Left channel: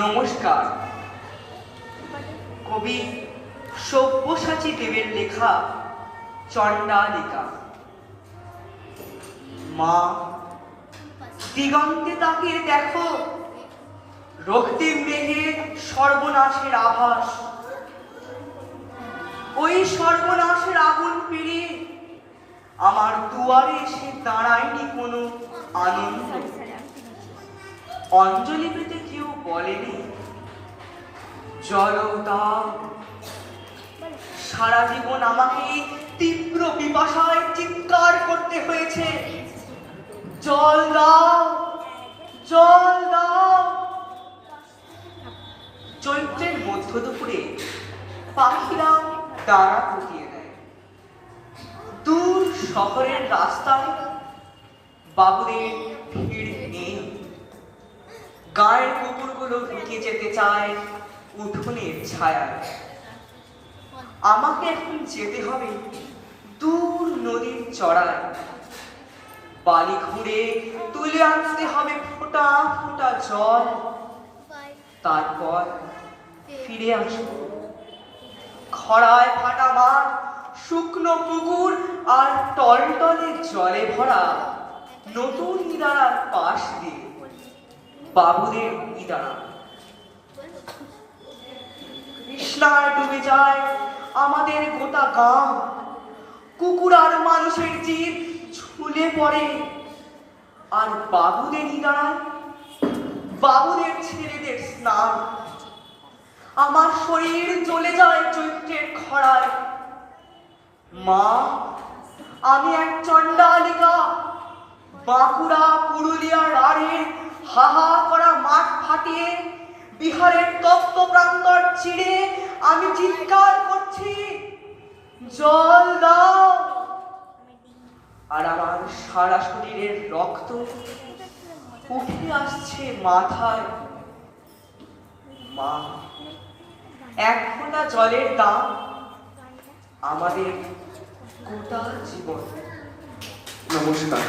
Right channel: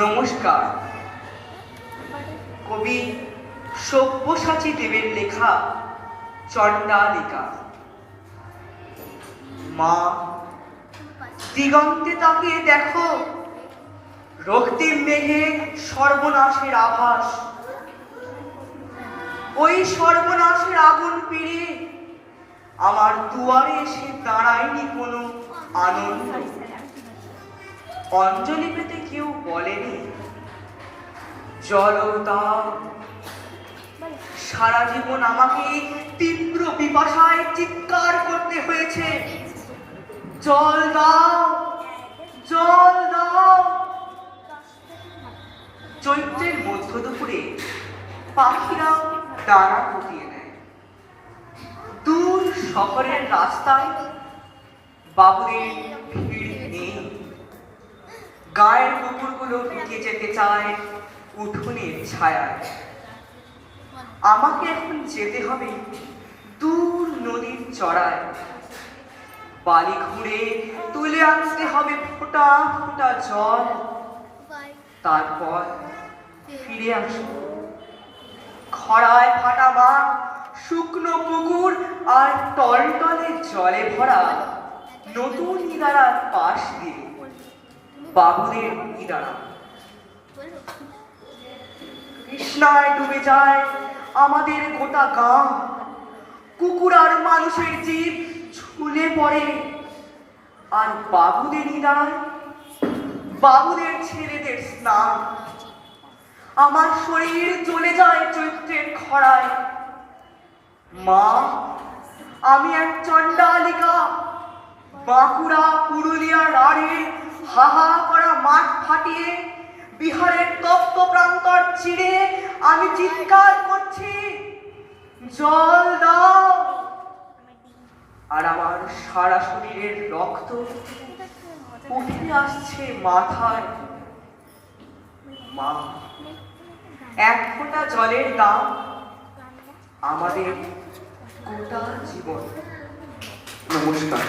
নমস্কার। কবি সব্যসাচী দেবের লেখা চণ্ডালিকা। মা, দিগন্তে তাকিয়ে দেখো, রক্তিম মেঘের সর্বনাশের আভাস। ওই সর্বনাশের আগুন পেরিয়ে আমার দুয়ারে এসে দাঁড়ায়নি কোনো আনন্দ। অঞ্জলি পেতে কেউ বলেনি জল দাও। সারা জীবন আমাকে তীব্র পিপাসায় চিৎকার করতে হয়েছে, জল দাও, জল দাও। চৈত্রের মধ্য দুপুরে পাখিরা ডানা গুটিয়ে দেয়। দূর শহরের রাস্তায় বাবুদের ভিড় নেই। গায়ের কুকুরগুলো ঢুকে যেতে চায় উঠোনের ছায়ায়। আমাকে এখন যেতে হবে দূর নদীর চড়ায়। বালি ঘুরে তুলে আনতে হবে ফোঁটা ফোঁটা জল। তারপর ফিরে আসবো খরায় ফাটা মাঠ, শুকনো পুকুর আর টলটলে জলে ভরা নতুন ইদারার পাশ দিয়ে বাবুদের ইদারা। কৃষ্ণায় ডুবে যায় আমাদের গোটা গাঁ। কুকুর আর মানুষের জীব ঝুলে পড়ে। আর বাবুদের ইদারায় বাবুদের ছেলেদের স্নান। আমার শরীর জ্বলে যায় চৈত্রের খরায়। মা, আমি এক চণ্ডালিকা। বাঁকুড়া পুরুলিয়ার আড়ে হাহা করা মাঠ ফাটিয়ে বিহারের তপ্ত প্রান্তর চিড়ে আমি চিৎকার করছি, জল দাও। আর আমার সারা শরীরের রক্ত উঠে আসছে মাথায়। মা, এক ফোঁটা জলের দাম আমাদের গোটা জীবন। নমস্কার।